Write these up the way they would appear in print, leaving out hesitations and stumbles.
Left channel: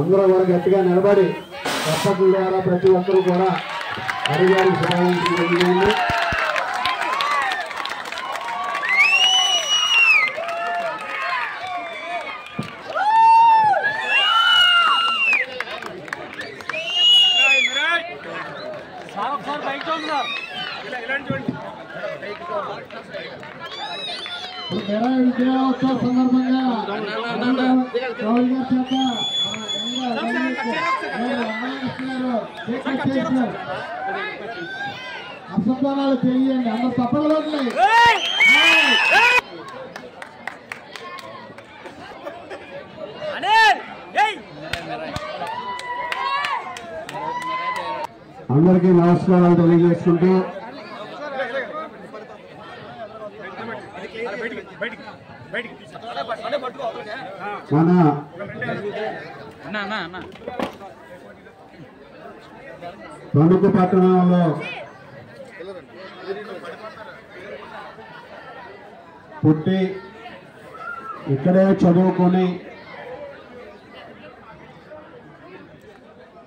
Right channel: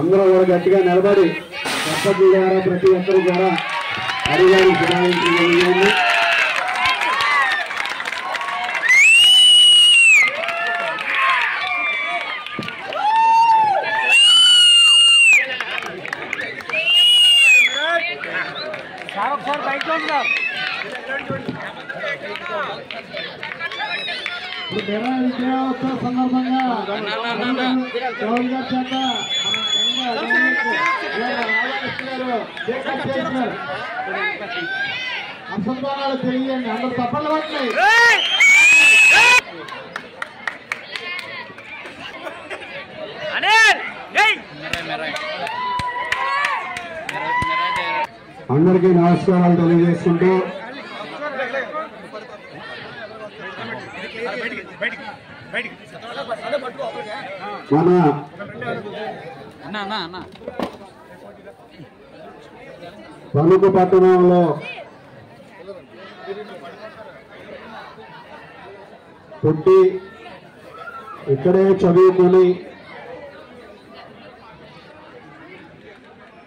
అందరూ కూడా గట్టిగా నిలబడి చప్పట్ల ద్వారా ప్రతి ఒక్కరు కూడా హరిగారిని శుభాకాంక్షలు. విజయోత్సవ సందర్భంగా అసంతోషాలు తెలియండి, అందరు తప్పలు పడుతున్నాయి. అందరికీ నమస్కారాలు తెలియజేసుకుంటూ మన తణుకు పట్టణంలో పుట్టి ఇక్కడే చదువుకొని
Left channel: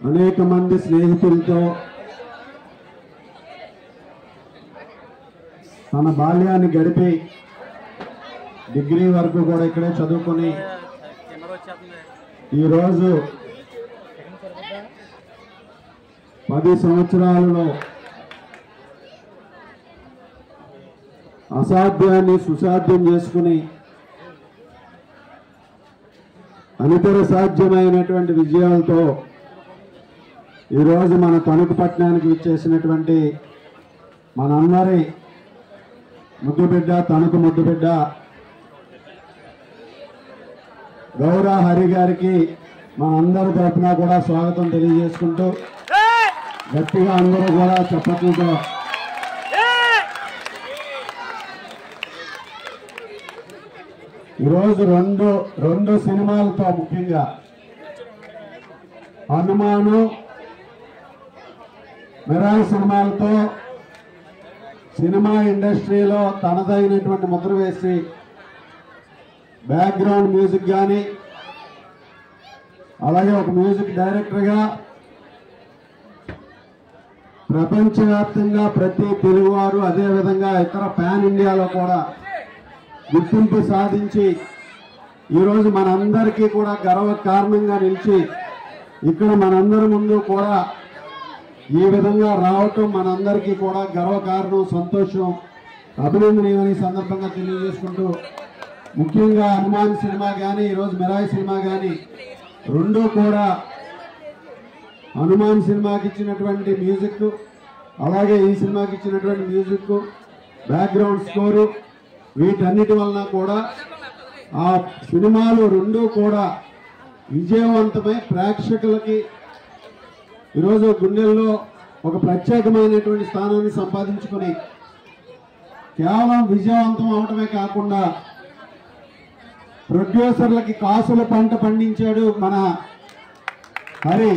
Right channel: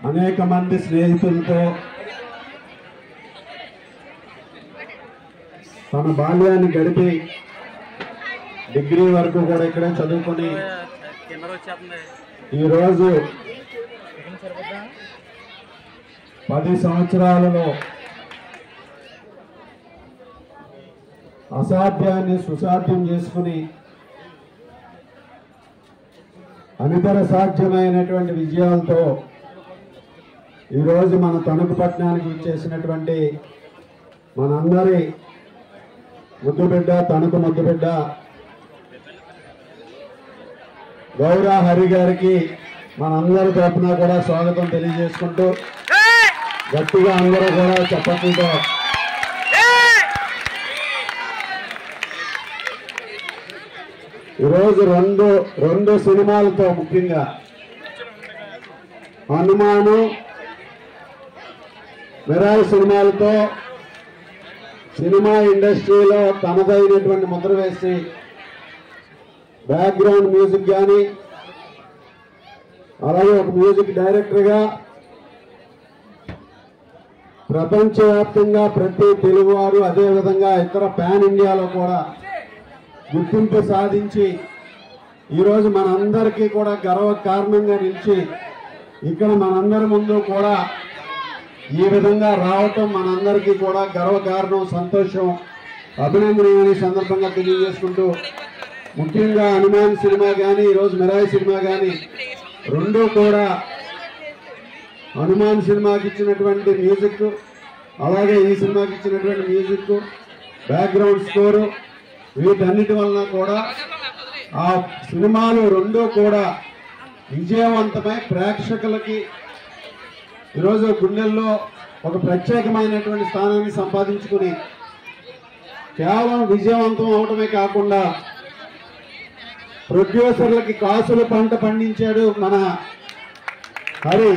అనేక మంది స్నేహితులతో తన బాల్యాన్ని గడిపి డిగ్రీ వరకు కూడా ఇక్కడే చదువుకొని ఈరోజు 10 సంవత్సరాలలో అసాధ్యాన్ని సుసాధ్యం చేసుకుని అనితర సాధ్యమైనటువంటి విజయాలతో ఈరోజు మన తణుకు పట్టణానికి విచ్చేసినటువంటి మనందరి ముద్దుబిడ్డ, తణుకు ముద్దుబిడ్డ గౌరా హరి గారికి మనందరి తరఫున కూడా స్వాగతం తెలియజేసుకుంటూ గట్టిగా అందరూ కూడా చప్పట్లతో ఈరోజు రెండు సినిమాలతో, ముఖ్యంగా హనుమాను, మిరాయి సినిమాలతో సినిమా ఇండస్ట్రీలో తనదైనటువంటి ముద్ర వేసి బ్యాక్గ్రౌండ్ మ్యూజిక్ కానీ, అలాగే ఒక మ్యూజిక్ డైరెక్టర్గా ప్రపంచవ్యాప్తంగా ప్రతి తెలుగువారు, అదేవిధంగా ఇతర పాన్ ఇండియాలో కూడా గుర్తింపు సాధించి ఈరోజు మనందరికీ కూడా గర్వకారణంగా నిలిచి ఇక్కడ మనందరి ముందు కూడా ఈ విధంగా రావటం మనందరికీ కూడా గర్వకారణం, సంతోషం, అభినందనీయమని సందర్భంగా తెలియజేసుకుంటూ, ముఖ్యంగా హనుమాన్ సినిమా కానీ ఈరోజు మిరాయి సినిమా కానీ రెండూ కూడా హనుమాన్ సినిమాకి ఇచ్చినటువంటి మ్యూజిక్, అలాగే ఈ సినిమాకి ఇచ్చినటువంటి మ్యూజిక్, బ్యాక్గ్రౌండ్ స్కోరు, వీటన్నిటి వలన కూడా ఆ సినిమాలు రెండూ కూడా విజయవంతమై ప్రేక్షకులకి ఈరోజు గుండెల్లో ఒక ప్రత్యేకమైనటువంటి స్థానాన్ని సంపాదించుకుని కేవలం విజయవంతం అవటమే కాకుండా ప్రొడ్యూసర్లకి కాసుల పంట పండించాడు మన హరి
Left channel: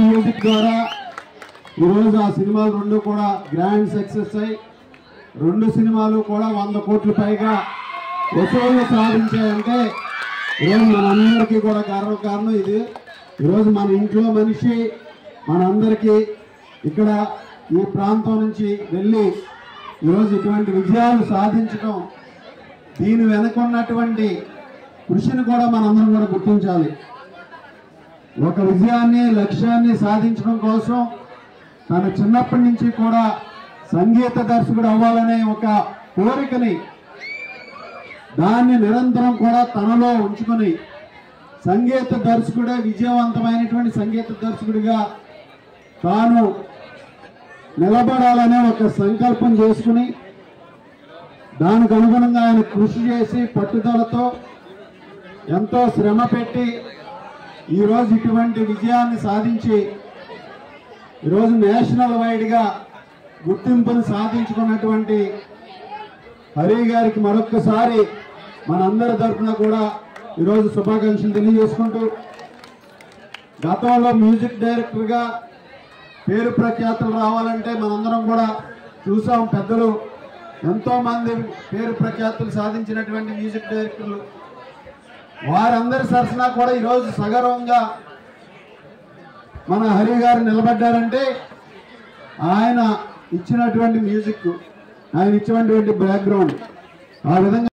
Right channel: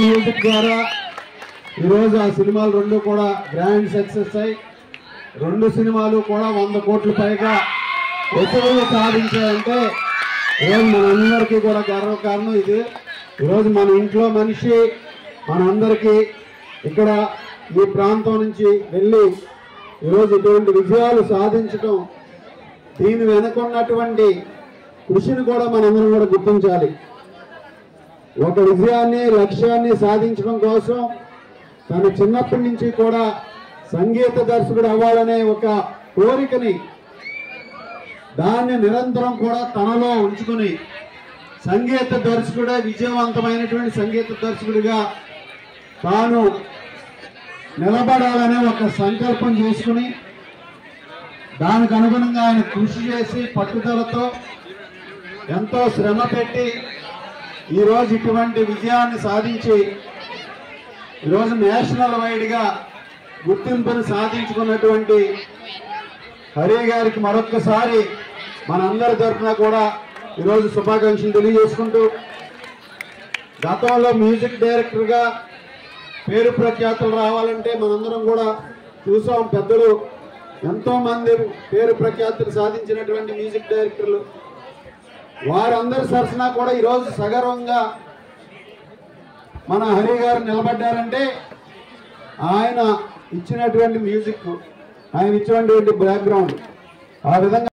మ్యూజిక్ ద్వారా. ఈరోజు ఆ సినిమాలు రెండు కూడా గ్రాండ్ సక్సెస్ అయ్యి రెండు సినిమాలు కూడా 100 కోట్ల పైగా వసూలు సాధించాయంటే ఈరోజు మనందరికీ కూడా గర్వకారణం ఇది. ఈరోజు మన ఇంట్లో మనిషి మనందరికీ ఇక్కడ ఈ ప్రాంతం నుంచి వెళ్ళి ఈరోజు ఇటువంటి విజయాలు సాధించడం, దీని వెనుకున్నటువంటి కృషిని కూడా మనందరం కూడా గుర్తించాలి. ఒక విజయాన్ని, లక్ష్యాన్ని సాధించడం కోసం తను చిన్నప్పటి నుంచి కూడా సంగీత దర్శకుడు అవ్వాలనే ఒక కోరికని, దాన్ని నిరంతరం కూడా తనలో ఉంచుకొని సంగీత దర్శకుడే విజయవంతమైనటువంటి సంగీత దర్శకుడిగా తాను నిలబడాలనే ఒక సంకల్పం చేసుకుని దానికి అనుగుణంగా ఆయన కృషి చేసి పట్టుదలతో ఎంతో శ్రమ పెట్టి ఈరోజు ఇటువంటి విజయాన్ని సాధించి ఈరోజు నేషనల్ వైడ్గా గుర్తింపును సాధించుకున్నటువంటి హరి గారికి మరొక్కసారి మనందరి తరఫున కూడా ఈరోజు శుభాకాంక్షలు తెలియజేసుకుంటూ, గతంలో మ్యూజిక్ డైరెక్టర్గా పేరు ప్రఖ్యాతులు రావాలంటే మనందరం కూడా చూసాం. పెద్దలు ఎంతోమంది పేరు ప్రఖ్యాతులు సాధించినటువంటి మ్యూజిక్ డైరెక్టర్లు వారందరి సరసన కూడా ఈరోజు సగర్వంగా మన హరి గారు నిలబడ్డారంటే ఆయన ఇచ్చినటువంటి మ్యూజిక్, ఆయన ఇచ్చినటువంటి బ్యాక్గ్రౌండ్ ఆ విధంగా